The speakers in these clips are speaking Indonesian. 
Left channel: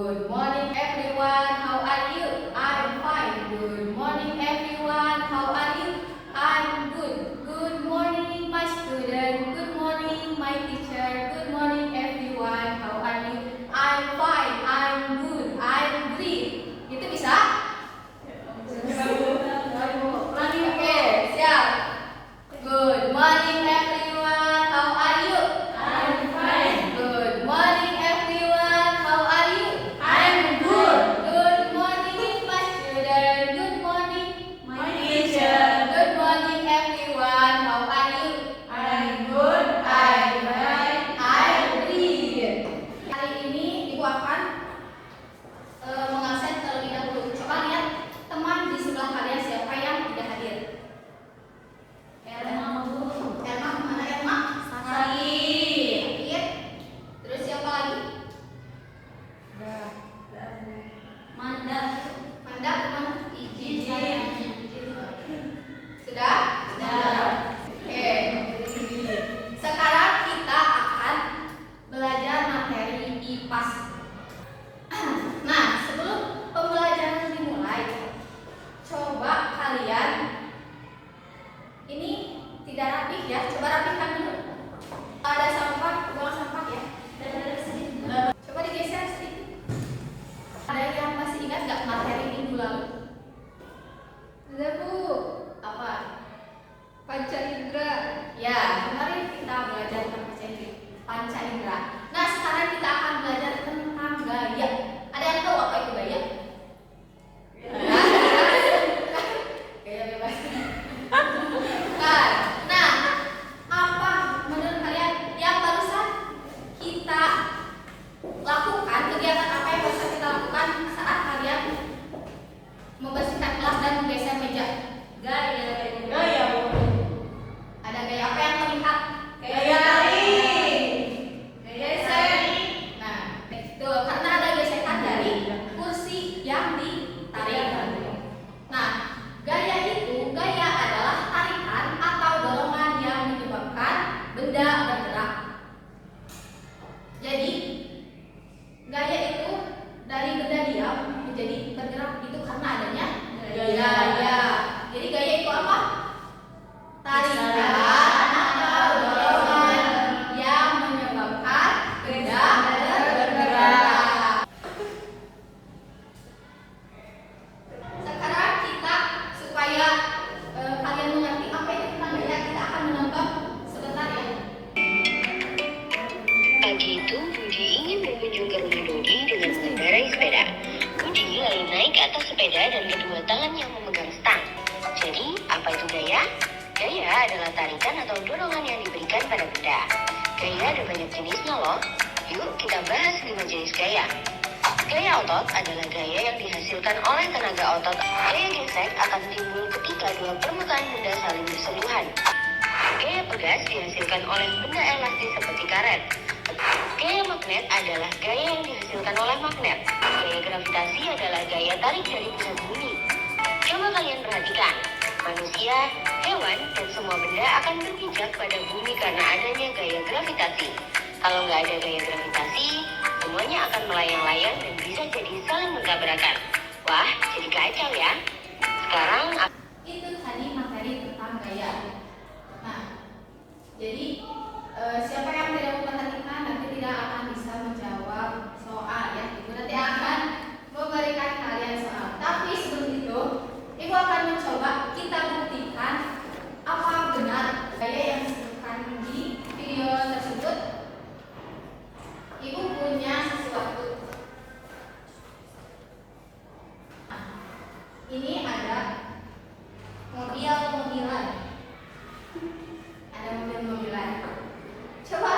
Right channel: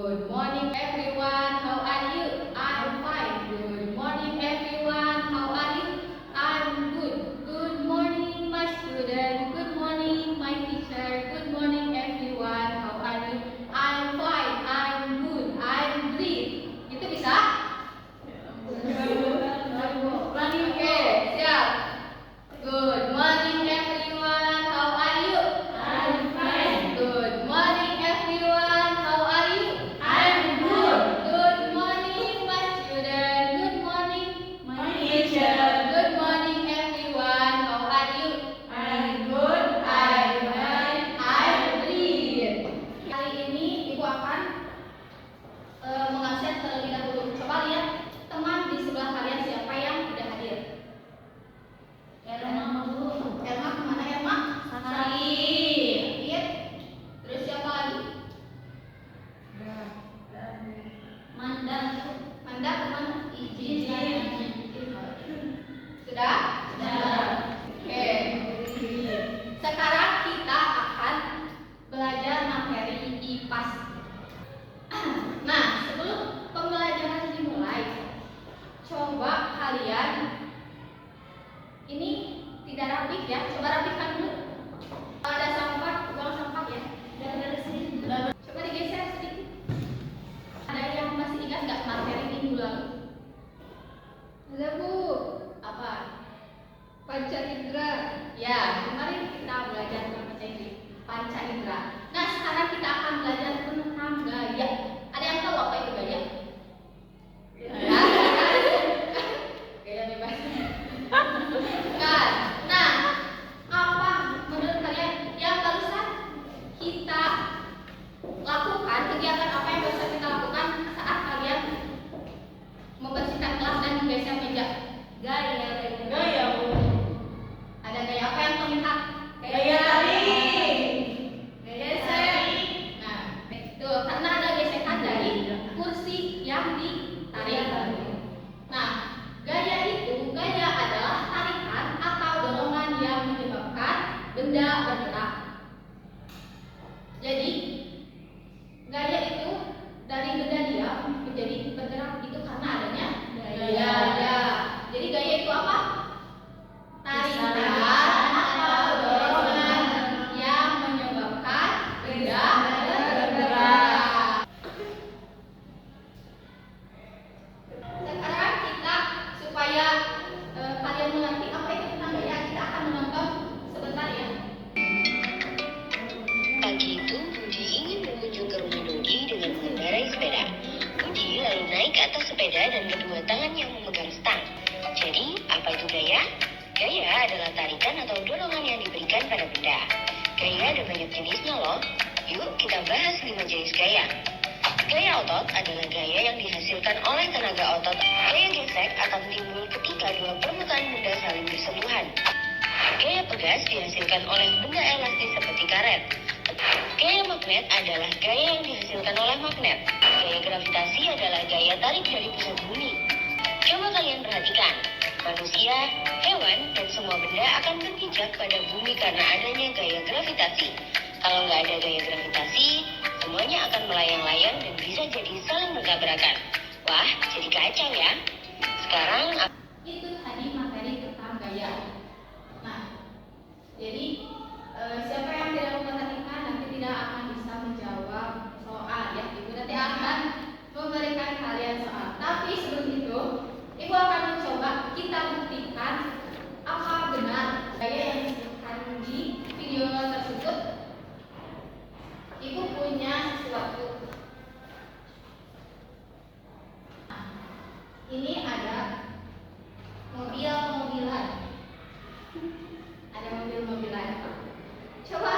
Good morning everyone. How are you? I'm fine. Good morning everyone. How are you? I'm good. Good morning my student. Good morning my teacher. Good morning everyone. How are you? I'm fine. I'm good. I'm great. Itu bisa? Ulangi. Oke, siap. Good morning everyone. How are you? I'm fine. Good morning everyone. How are you? I'm good. Good morning my student. Good morning My teacher. Good morning everyone. How are you? I'm good. I'm fine. I'm great. Hari ini Ibu akan mengabsen terlebih dahulu. Coba lihat teman di sebelah kalian siapa yang tidak hadir. Elma Bu. Elma kemana Elma? Sakit. Terus siapa lagi? Manda. Manda kemana? Izin. Sudah? Sudah. Oke. Sekarang kita akan belajar materi IPAS. Nah, sebelum pembelajaran dimulai, coba kalian ini tidak rapih ya, coba rapihkan dulu. Ada sampah, buang sampah ya. Coba digeser sedikit. Ada yang masih ingat nggak materi minggu lalu? Ada Bu, Apa? panca indera. Ya, kemarin kita belajar tentang panca indera. Nah, sekarang kita akan belajar tentang gaya. Ada yang tahu apa itu gaya? Gaya bebas. Nah, apa menurut kalian yang barusan kita lakukan, kegiatan apa yang barusan kita lakukan saat kalian membersihkan kelas dan menggeser meja? Gaya. Bu. Ada gaya apa yang terlihat? Gaya tarik. Geser. Nah, itu karena ada gesekan dari kursi yang ditarik. Nah, gaya adalah tarikan atau dorongan yang menyebabkan benda bergerak. Jadi, gaya itu dari benda diam menjadi bergerak itu karena adanya gaya. Jadi gaya itu apa? Tarikan atau dorongan yang menyebabkan benda bergerak. Sekarang kita supaya kalian mengerti apa itu tentang gaya, kita akan menonton sebentar ya. Pagi itu, Budi ingin berkunjung ke rumah Dodi dengan mengendarai sepeda. Budi lalu naik ke atas sepeda dan kedua tangannya memegang stang. Jadi, apa itu gaya? Gaya adalah tarikan atau dorongan yang diberikan pada benda. Gaya ada banyak jenisnya loh. Yuk kita bahas 5 jenis gaya. Gaya otot adalah gaya yang dihasilkan oleh tenaga otot. Gaya gesek akan timbul ketika dua permukaan benda saling bersentuhan. Gaya pegas dihasilkan oleh benda elastis seperti karet. Gaya magnet adalah gaya yang dihasilkan oleh magnet. Gaya gravitasi adalah gaya tarik dari pusat bumi. Coba kalian perhatikan, manusia, hewan, dan semua benda akan berpijak pada bumi karena adanya gaya gravitasi. Kalau nggak ada gaya gravitasi, semuanya akan melayang-layang dan bisa jadi saling bertabrakan. Wah, jadi kacau ya. Sekarang Itu tadi materi tentang gaya. Nah, jadi siapa yang tidak memperhatikan nanti tidak akan bisa menjawab soal ya. Ibu nanti akan memberikan kalian soal. Tapi sebelum itu, Ibu akan mencoba kita buktikan apa benar gaya yang disebutkan di video tersebut. Ibu punya sesuatu. Nah, ini ada mobil-mobilan. Ada mobil-mobilan. Coba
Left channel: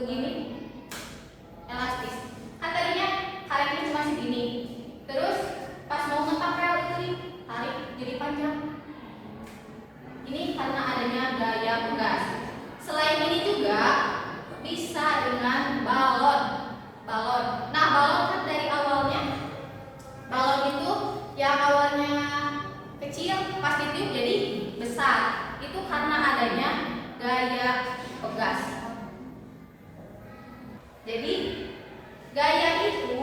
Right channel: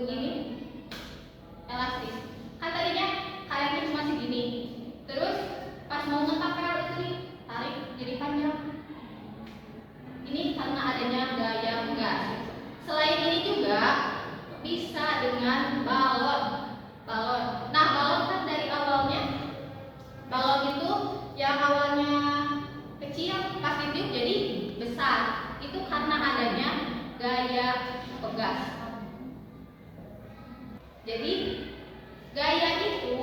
begini elastis. Kan tadinya karetnya cuma segini, terus pas mau ngetapel itu tarik jadi panjang. Ini karena adanya gaya pegas. Selain ini juga bisa dengan balon. Nah, balon kan dari awalnya, balon itu yang awalnya kecil pas ditiup jadi besar. Itu karena adanya gaya pegas. Jadi gaya itu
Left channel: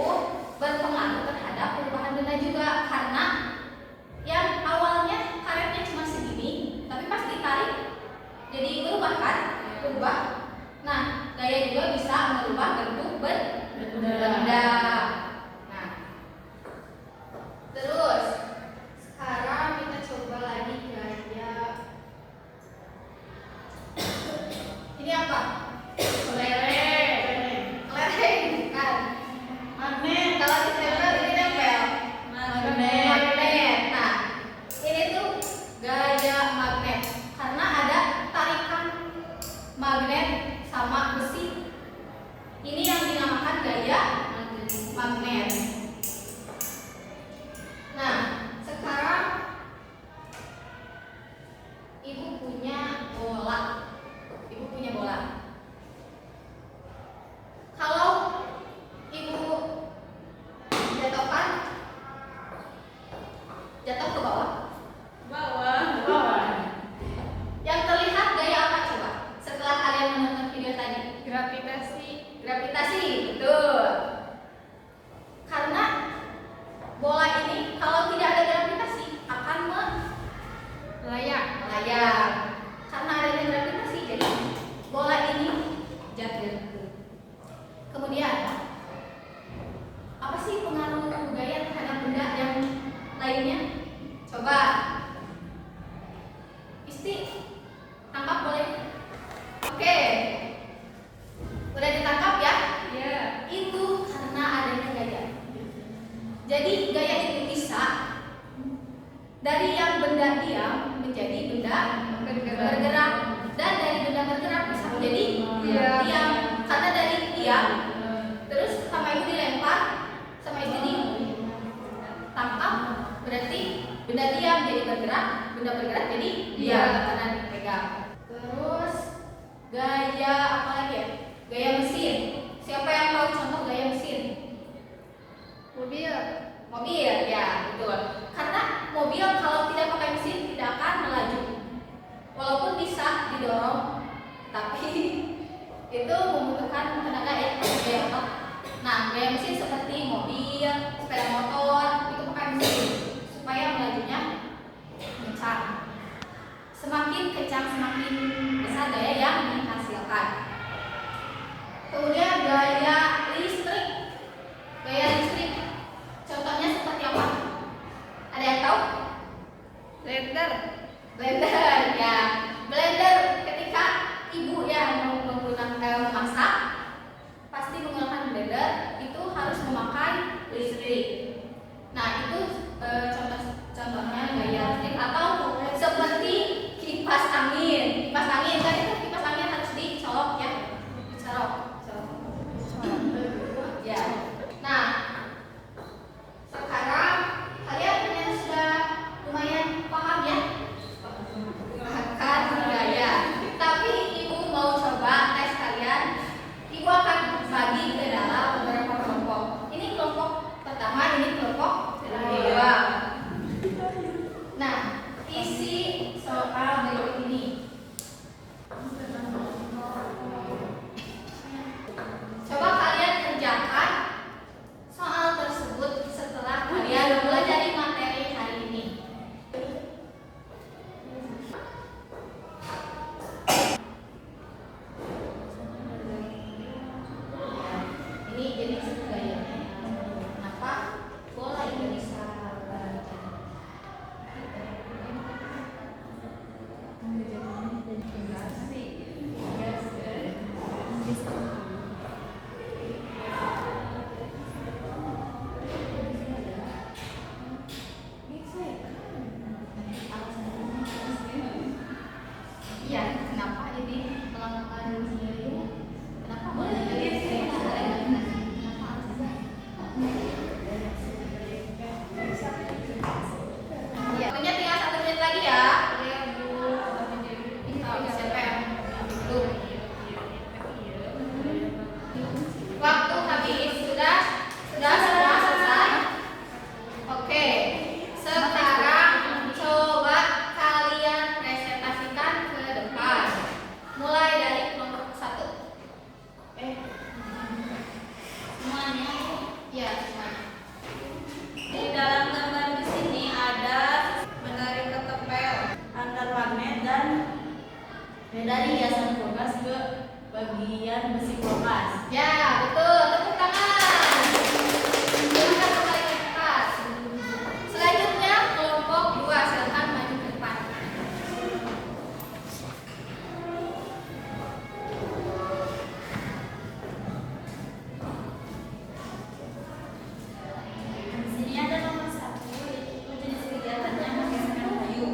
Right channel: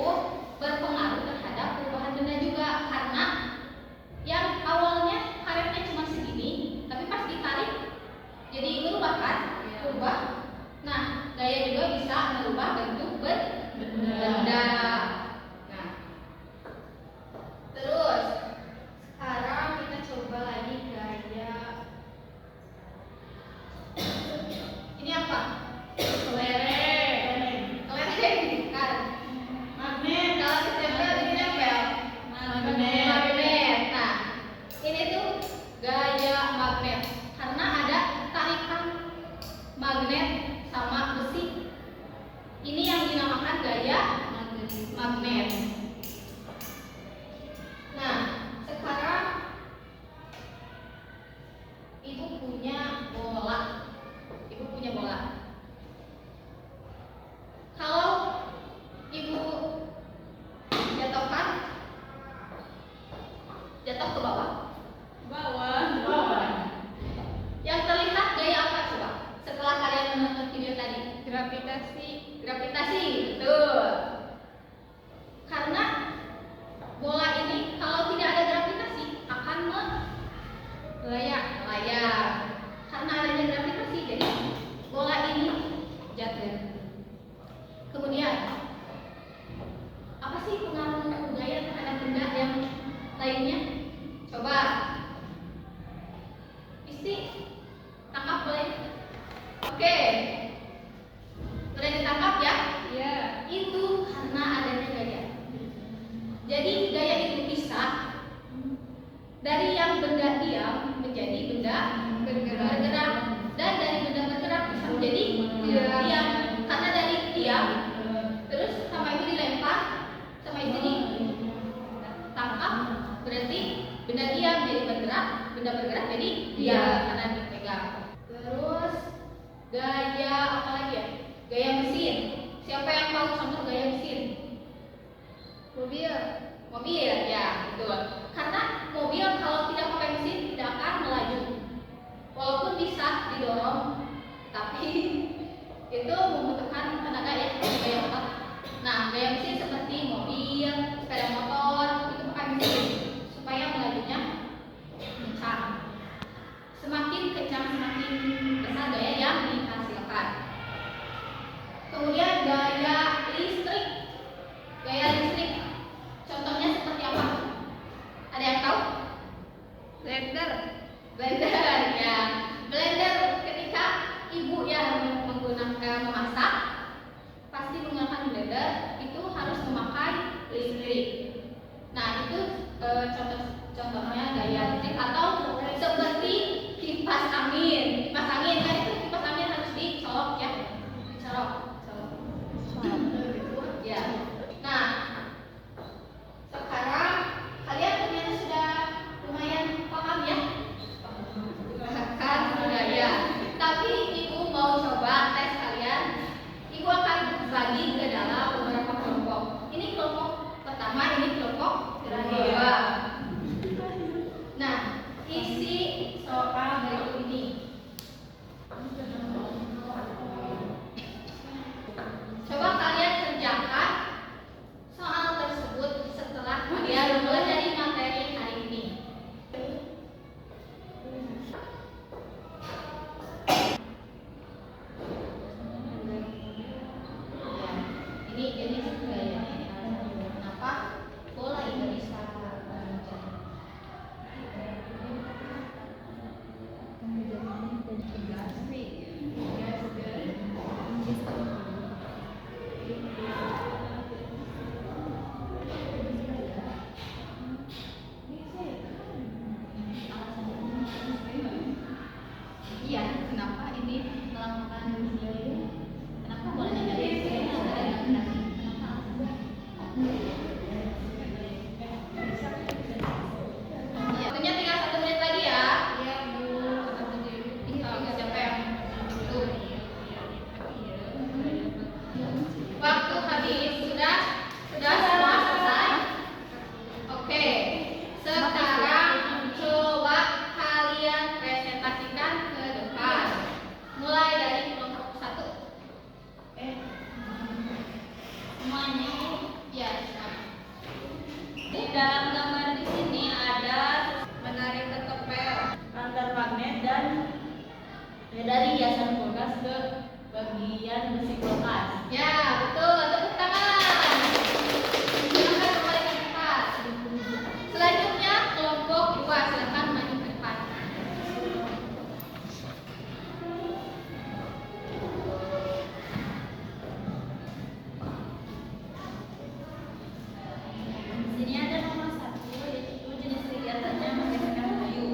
berpengaruh terhadap perubahan benda juga, karena yang awalnya karetnya cuma segini, tapi pas ditarik jadi berubah kan? Berubah. Nah, gaya juga bisa merubah bentuk benda. Nah, terus sekarang kita coba lagi gaya. Ini apa? Kelereng kan? Magnet. Kalau ditempel ini nempel. Magnet. Nah, ini tuh gaya magnet karena ada tarikan magnet sama besi. Ini yang dinamakan gaya magnet. Nah, sekarang ibu punya bola. Kalau ibu jatuhkan, jatuh ke bawah. Bawah. Yang terlihat gaya apa coba? Setelah kalian menonton video tadi, Gravitasi. gravitasi, betul. Karena bola ini kalau tidak ada gravitasi akan Layak. melayang. Karena adanya gravitasi, jadi bola ini jatuh. Kemudian, apa sih pengaruh gaya terhadap benda yang lainnya? Coba, Isti, tangkap boleh? Oke, udah ditangkap ya? Ya. Itu karena adanya gaya. Jadi gaya itu bisa dari yang benda diam menjadi benda bergerak, dan dari benda bergerak bisa menjadi diam. Karena dari diam, terus sama ibu dilempar, sama ibu ditangkap, berarti benda diam jadi bergerak, benda bergerak jadi diam karena dipegang. Terus gaya apa lagi ya? Gaya mesin. Siapa yang tahu contoh gaya mesin? Mobil. Mobil, ya betul. Karena mobil kalau tidak pakai mesin tidak akan melaju. Walaupun bisa didorong, tapi itu membutuhkan tenaga yang lebih otot. Nah, gaya mesin seperti mobil, sepeda motor itu pakai mesin supaya melajunya kencang. Semakin kencang semakin besar gaya yang dihasilkan. Kemudian gaya listrik. Gaya listrik contohnya seperti apa? Ada yang tahu? Blender. Blender, ya. Blender ketika ibu yang memasak pasti menggunakan blender itu harus memakai listrik. Nah, itu contohnya gaya listrik. Atau seperti kipas angin. Kipas angin kan itu kipas angin harus dicolok ya. Dicolok. Ya. Nah, sekarang kalian ternyata sudah lumayan paham ya akan gaya. Tapi ibu mau coba tes kalian. Ibu akan bagi ke dalam beberapa kelompok. Ini kelompok pertama, ini kelompok kedua. Nah, isi soal berikut ini. Coba kalian kerjakan soal tersebut setelah kalian belajar materi hari ini. Ini jenis gaya. Kenapa bola ini bisa baca? Iya, kenapa ini melakukan gaya? Kenapa boleh dan besi kulkas. Ya, betul. Tepuk tangan. Silakan kembali ke tempat. Selanjutnya kelompok 2 silakan maju ke depan. Di sini ada nomor 1, yaitu jenis kegiatannya menggesekkan kayu.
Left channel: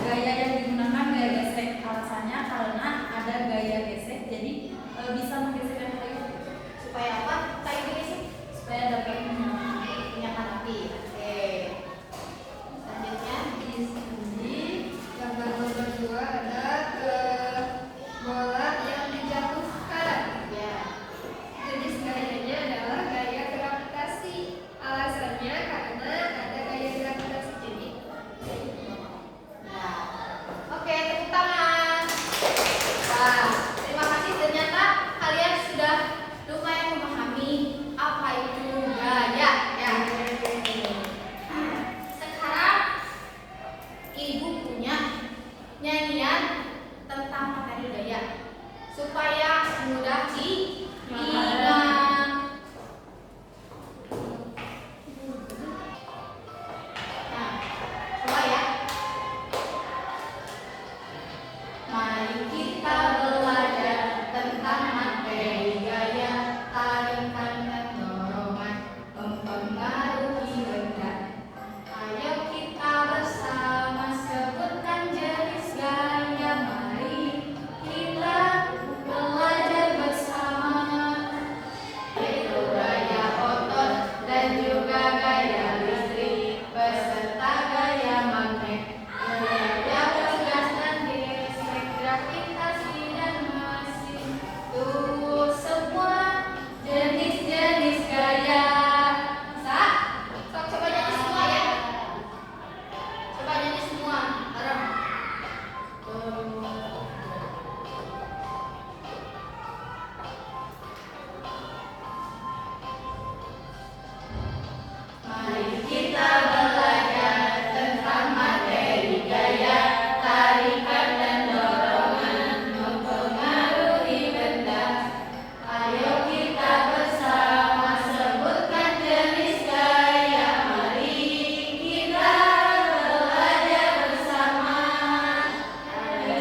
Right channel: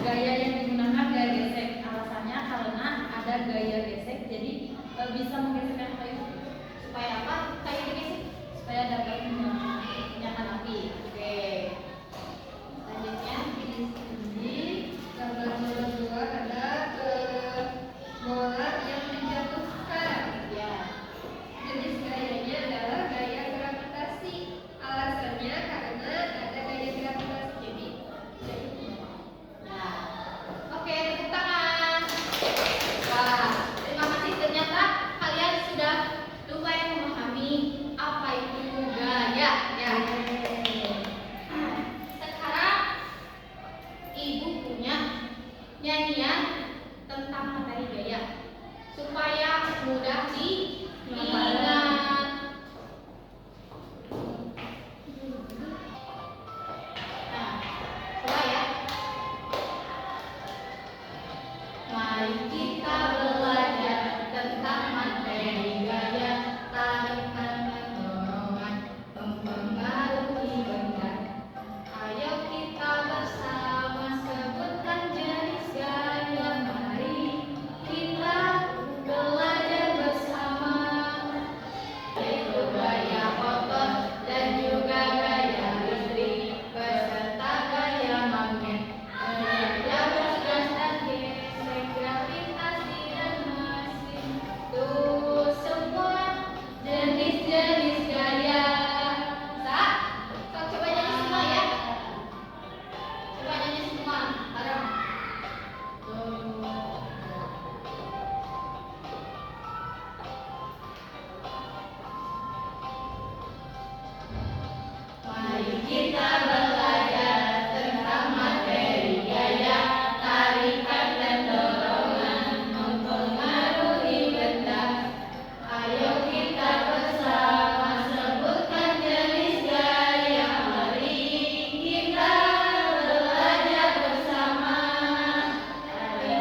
Gaya yang digunakan gaya gesek. Alasannya karena ada gaya gesek, jadi bisa menggesekkan kayu Supaya apa? Kayak gini sih. supaya dapat menyala. Nyalakan api. Oke. Selanjutnya Di sini gambar kedua ada bola yang dijatuhkan. ya. Jenis gayanya adalah gaya gravitasi. Alasannya karena ada gaya gravitasi. Jadi Nah. Oke, tepuk tangan. Wah, terima kasih. Ternyata kalian sudah lumayan memahami apa itu gaya. Ya. Sekarang ibu punya nyanyian tentang materi gaya supaya mudah diingat. Nah, coba ya. Mari kita belajar tentang materi gaya, tarikan dan dorongan mempengaruhi benda. Ayo kita bersama sebutkan jenis gaya. Mari kita belajar bersama, yaitu gaya otot dan juga gaya listrik beserta gaya magnet, gaya bergas dan gesek, gravitasi dan mesin. Tuh semua jenis-jenis gaya. Coba nyanyi semua ya. Coba nyanyi semua. Bareng. Mari kita belajar tentang materi gaya, tarikan dan dorongan mempengaruhi benda. Ayo kita bersama sebutkan jenis gaya. Mari kita belajar bersama. Ada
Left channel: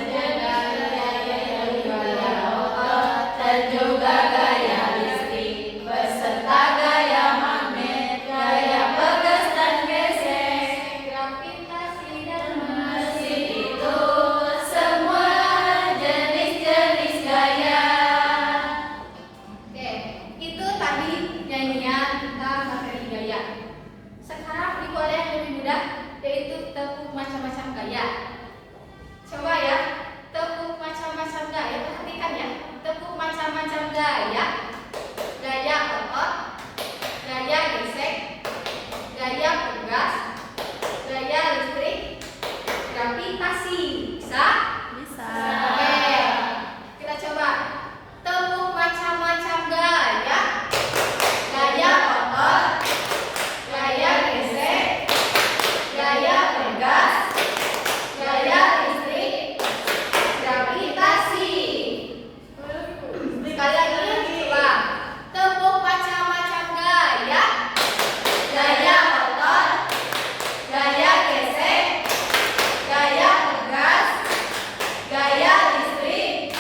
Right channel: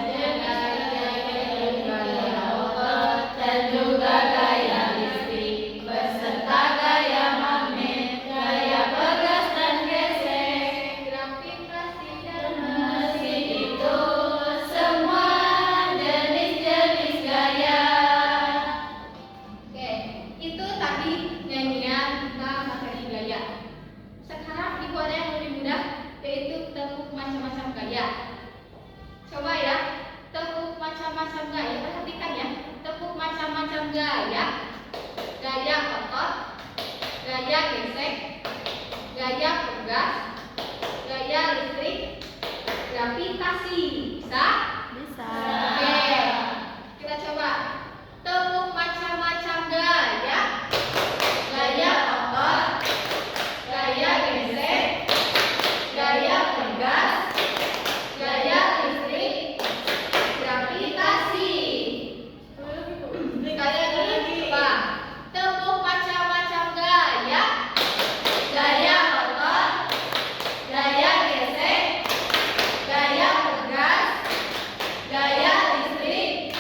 gaya otot dan juga gaya listrik beserta gaya magnet, gaya bergas dan gesek, gravitasi dan mesin. Itu semua jenis-jenis gaya. Oke, itu tadi nyanyian tentang materi gaya. Sekarang ibu ada yang lebih mudah, yaitu tepuk macam-macam gaya. Coba ya, tepuk macam-macam gaya. Perhatikan ya, tepuk macam-macam gaya. Gaya otot, gaya gesek, gaya bergas, gaya listrik, gravitasi. Bisa? Bisa. Oke, kita coba. Tepuk macam-macam gaya. Gaya otot, gaya gesek, gaya bergas, gaya listrik, gravitasi. Sekali lagi, coba. Tepuk macam-macam gaya. Gaya otot, gaya gesek, gaya bergas, gaya listrik,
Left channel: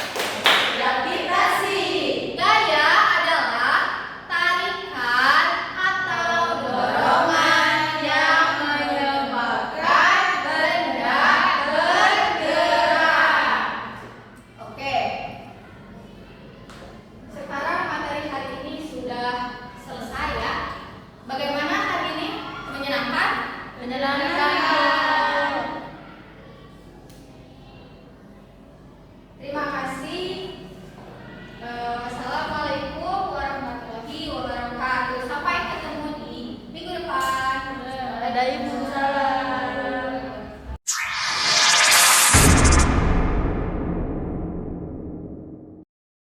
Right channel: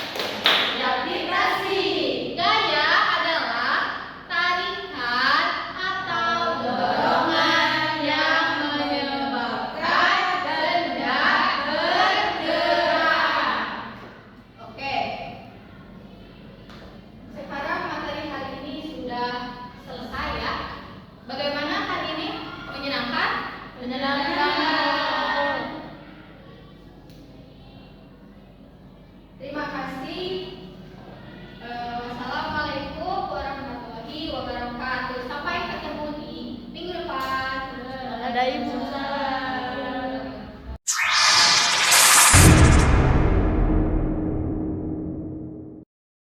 gravitasi. Gaya adalah tarikan atau dorongan yang menyebabkan benda bergerak. Oke. Sekarang materi hari ini sudah selesai ya. Bagaimana hari ini? Menyenangkan? Menyenangkan.